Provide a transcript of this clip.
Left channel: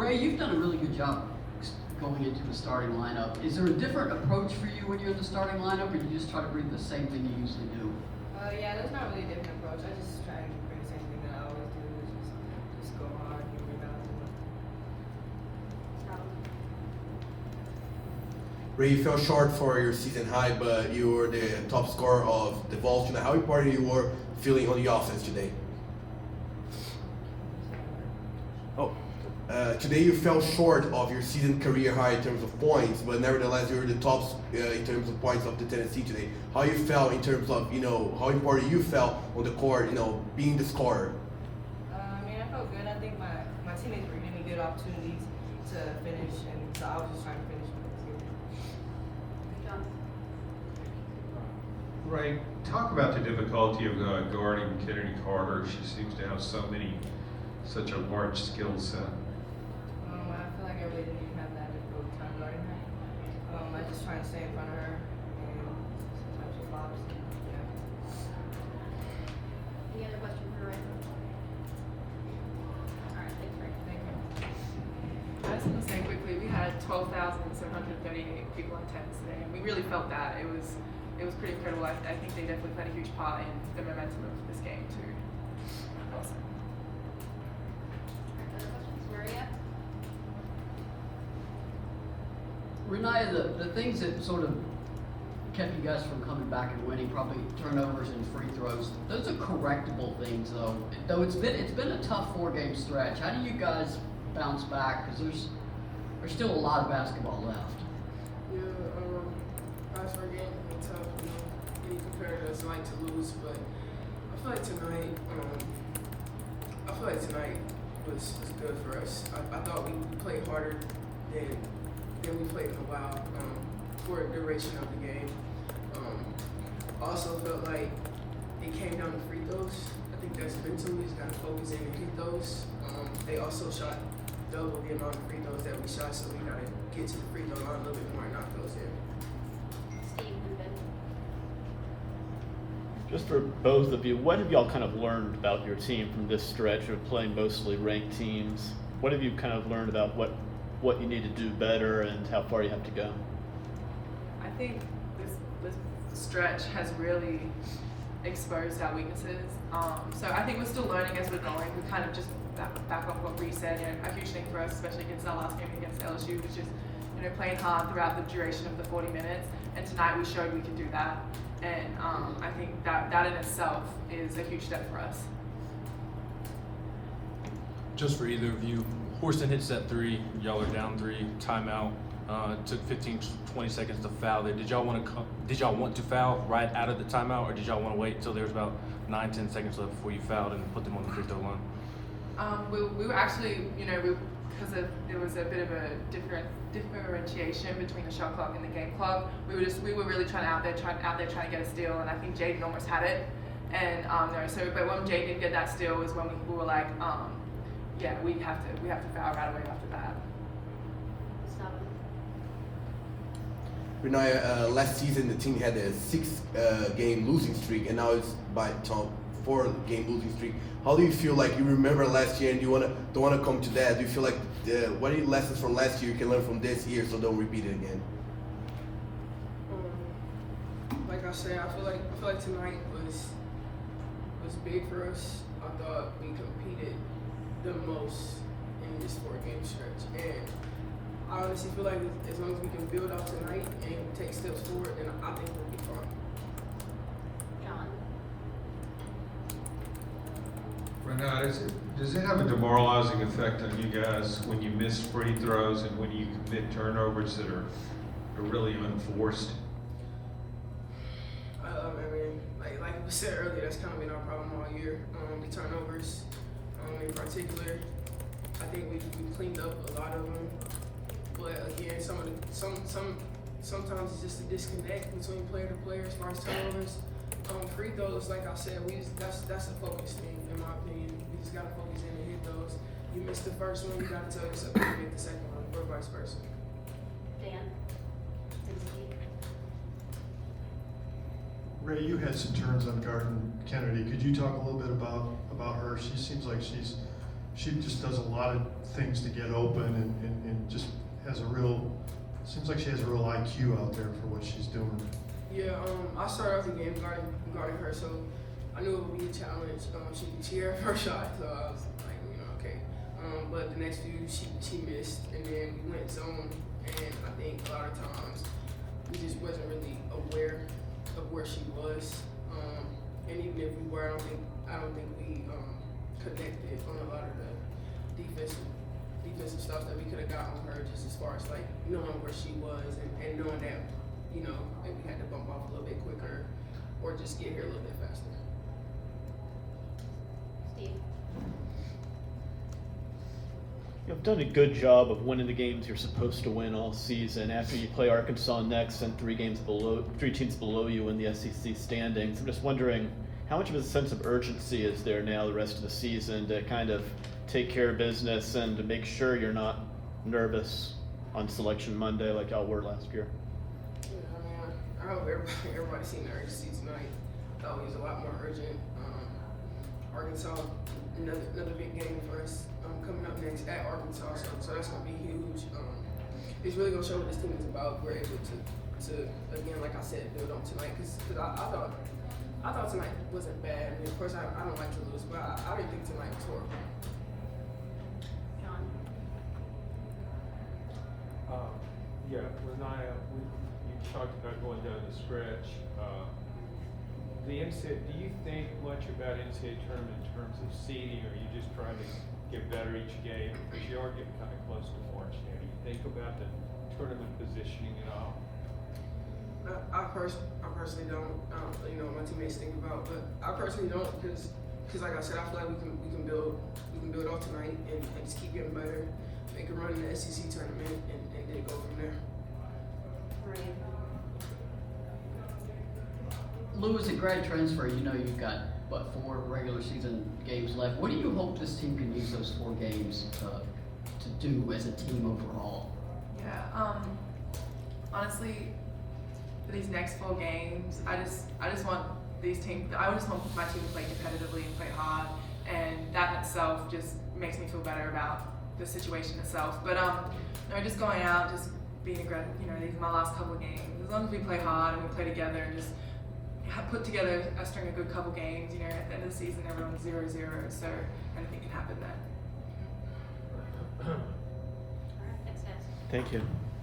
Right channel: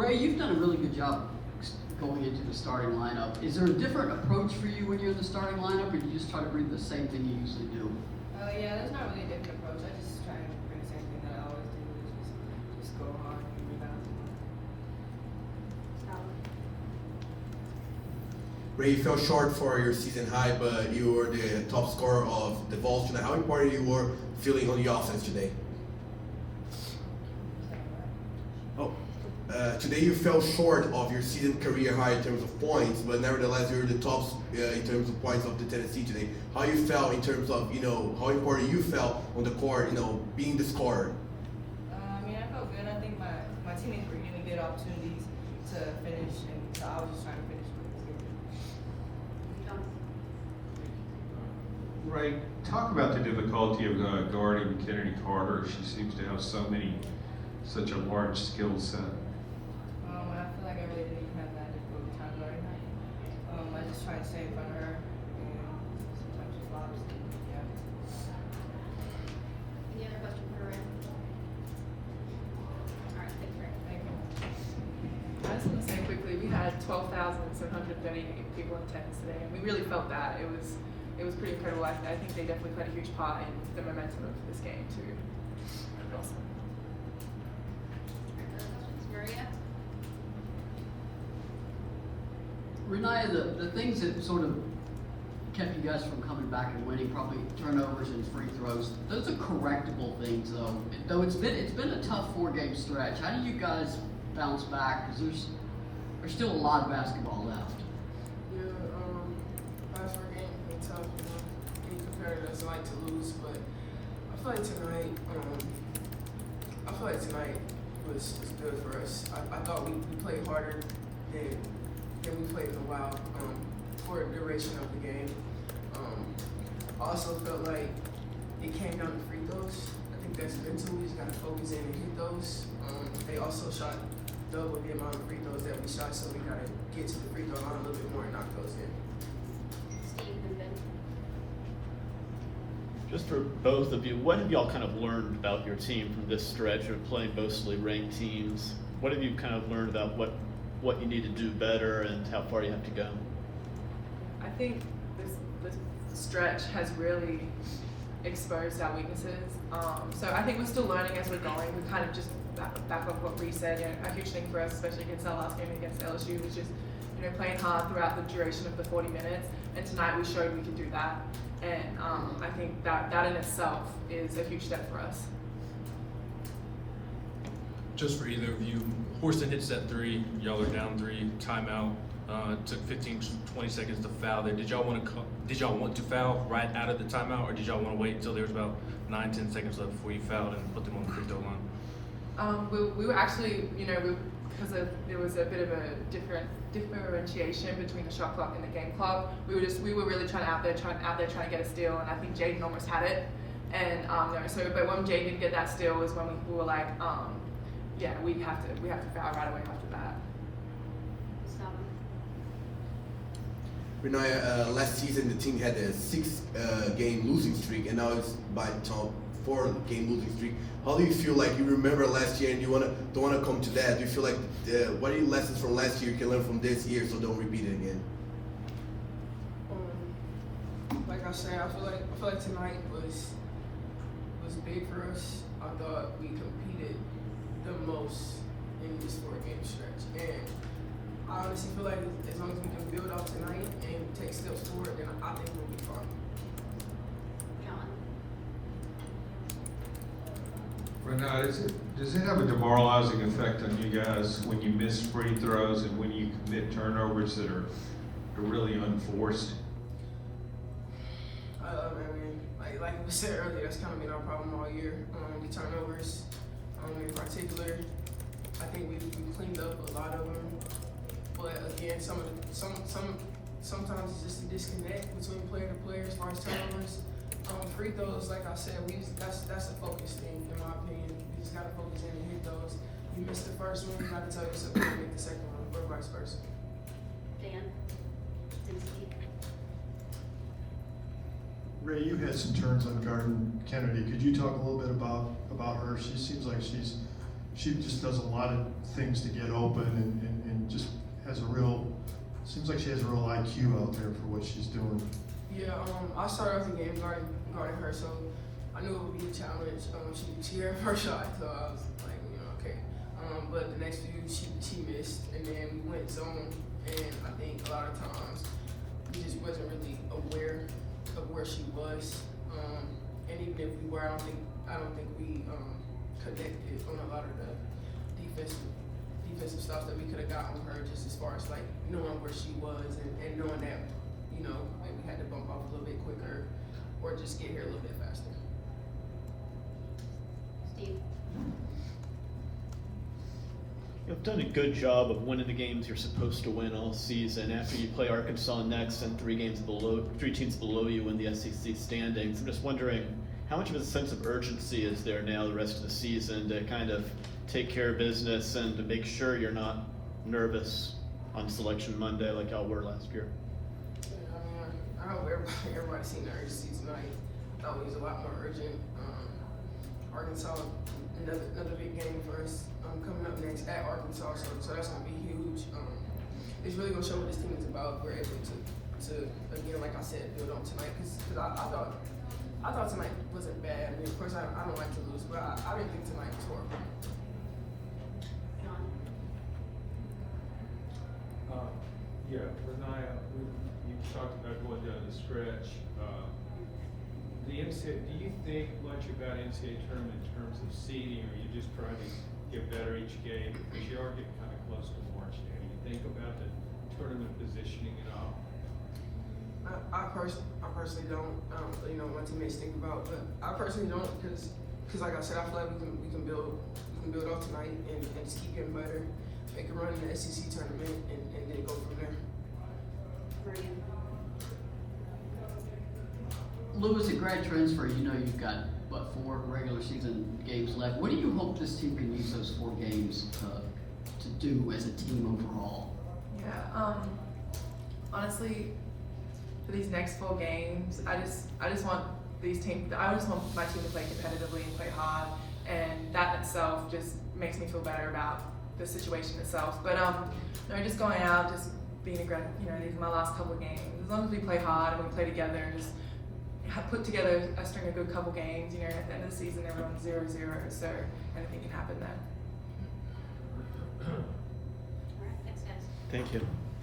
Rae, you've done a really good job going into the starting lineup. Is there a different approach for you when you're in the starting lineup, or do you just try to bring the same thing you usually do? Yeah, there's not really a different approach. I just try to bring the same thing that I always do, which is just go hard and rebound. Rae, you fell short for your season high, but you were the top scorer of the Vols tonight. How important you were feeling on the offense today? Today you fell short of your season career high in terms of points, but nevertheless you were the top in terms of points of the Tennessee today. How you felt in terms of, how important you felt on the court, being the scorer? I mean, I felt good. I think my teammates were giving me good opportunities to finish, and so I was just trying to finish. Rae, talk about the difficulty of guarding Kennedy Carter. She seems to have such a large skill set. I feel like I really didn't have that difficult time guarding her. I just try to stay in front of her, and sometimes she flops. Yeah. Any other question for Rae? All right, thanks, Rae. Thank you. I just want to say quickly, we had 12,738 people in attendance today, and we really felt that. It was pretty incredible. I think they definitely played a huge part in the momentum of this game too. Awesome. Other questions, Maria? Rennia, the things that sort of kept you guys from coming back and winning, probably turnovers and free throws, those are correctable things though. Though it's been a tough 4-game stretch. How do you guys bounce back? Because there's still a lot of basketball left. Yeah, last 4 games have been tough, when you compare it, it's like to lose, but I feel like tonight was good for us. I thought we played harder than we played in a while for the duration of the game. I also felt like it came down to free throws. I think that's mental. We just got to focus in and hit those. They also shot double the amount of free throws that we shot, so we got to get to the free throw line a little bit more and knock those in. Steve and Ben. Just for both of you, what have y'all kind of learned about your team from this stretch of playing mostly ranked teams? What have you kind of learned about what you need to do better and how far you have to go? I think this stretch has really exposed our weaknesses. So I think we're still learning as we're going. We kind of just back off what Bree said. A huge thing for us, especially against our last game against LSU, was just playing hard throughout the duration of the 40 minutes. And tonight we showed we could do that. And I think that in itself is a huge step for us. Just for either of you, Houston hits that 3, y'all are down 3, timeout. Took 15 to 20 seconds to foul. Did y'all want to foul right out of the timeout, or did y'all want to wait until there was about 9-10 seconds left before you fouled and put them on the free throw line? We were actually, because there was a bit of a differentiation between the shot clock and the game clock. We were really trying to get a steal, and I think Jaden almost had it. And but when Jaden didn't get that steal was when we were like, yeah, we have to foul right away after that. Rennia, last season the team had a 6-game losing streak, and now it's by 4-game losing streak. How do you feel like you remember last year and you don't want to come to that? Do you feel like what are your lessons from last year you can learn from this year so don't repeat it again? Like I said, I feel like tonight was big for us. I thought we competed the most in this 4-game stretch, and I honestly feel like as long as we can build off tonight and take steps forward, then I think we'll be fine. John. Rennia, does it have a demoralizing effect on you guys when you miss free throws and when you commit turnovers that are really unforced? I mean, like we said earlier, that's kind of been our problem all year. The turnovers, in particular, I think we cleaned up a lot of them. But again, sometimes it's just a disconnect between player to player as far as turnovers. Free throws, like I said, that's a focus thing in my opinion. You just gotta focus in and hit those. You missed the first one, you gotta tell yourself to make the second one, or vice versa. Dan. Rae, you had some turns on guarding Kennedy. Could you talk a little bit about her? She seems like she's she just does a lot of things to get open and just has a real, seems like she has a real IQ out there for what she's doing. Yeah, I started off the game guarding her, so I knew it would be a challenge. She hit her first shot, so I was like, okay. But the next few, she missed, and then we went zone, and I think a lot of times we just wasn't really aware of where she was. And even if we were, I don't think we connected on a lot of the defensive stuff that we could have got on her, just as far as like knowing where she was and knowing that, maybe we had to bump off a little bit quicker or just get here a little bit faster. Steve. You've done a good job of winning the games you're supposed to win all season. After you play Arkansas next and three teams below you in the SEC standings, I'm just wondering, how much of a sense of urgency is there now the rest of the season to kind of take care of business and to make sure you're not nervous on Selection Monday like y'all were last year? Yeah, I hope everybody seen the urgency tonight. Thought it was a lot more urgent. Arkansas, another big game for us coming up next at Arkansas, so that's gonna be huge. It's really gonna show what this team is about. We're able to again, like I said, build on tonight because I thought tonight wasn't bad. I mean, of course, I don't like to lose, but I didn't think tonight was horrible. John. Rennia, you talked about going down the stretch. The NCAA, do you think much about NCAA tournament in terms of seeding, or are you just trying to get better each game? Because you are getting kind of close to March now. You think about the tournament positioning at all? I personally don't. My teammates think about, but I personally don't because like I said, I feel like we can build off tonight and just keep getting better, make a run in the SEC tournament, and then go from there. Maria. Lou, as a grad transfer, you've got, 4 regular season games left. What do you hope this team can use those 4 games to do as a team overall? Yeah, honestly, for these next 4 games, I just want I just want my team to play competitively and play hard, and that in itself just makes me feel better about the situation itself. But just going out, just being aggressive, these are my last couple of games. As long as we play hard and we play together and just put together a string of good couple games, at the end of the season everyone's 0-0, so anything can happen then. All right, thanks guys. Thank you.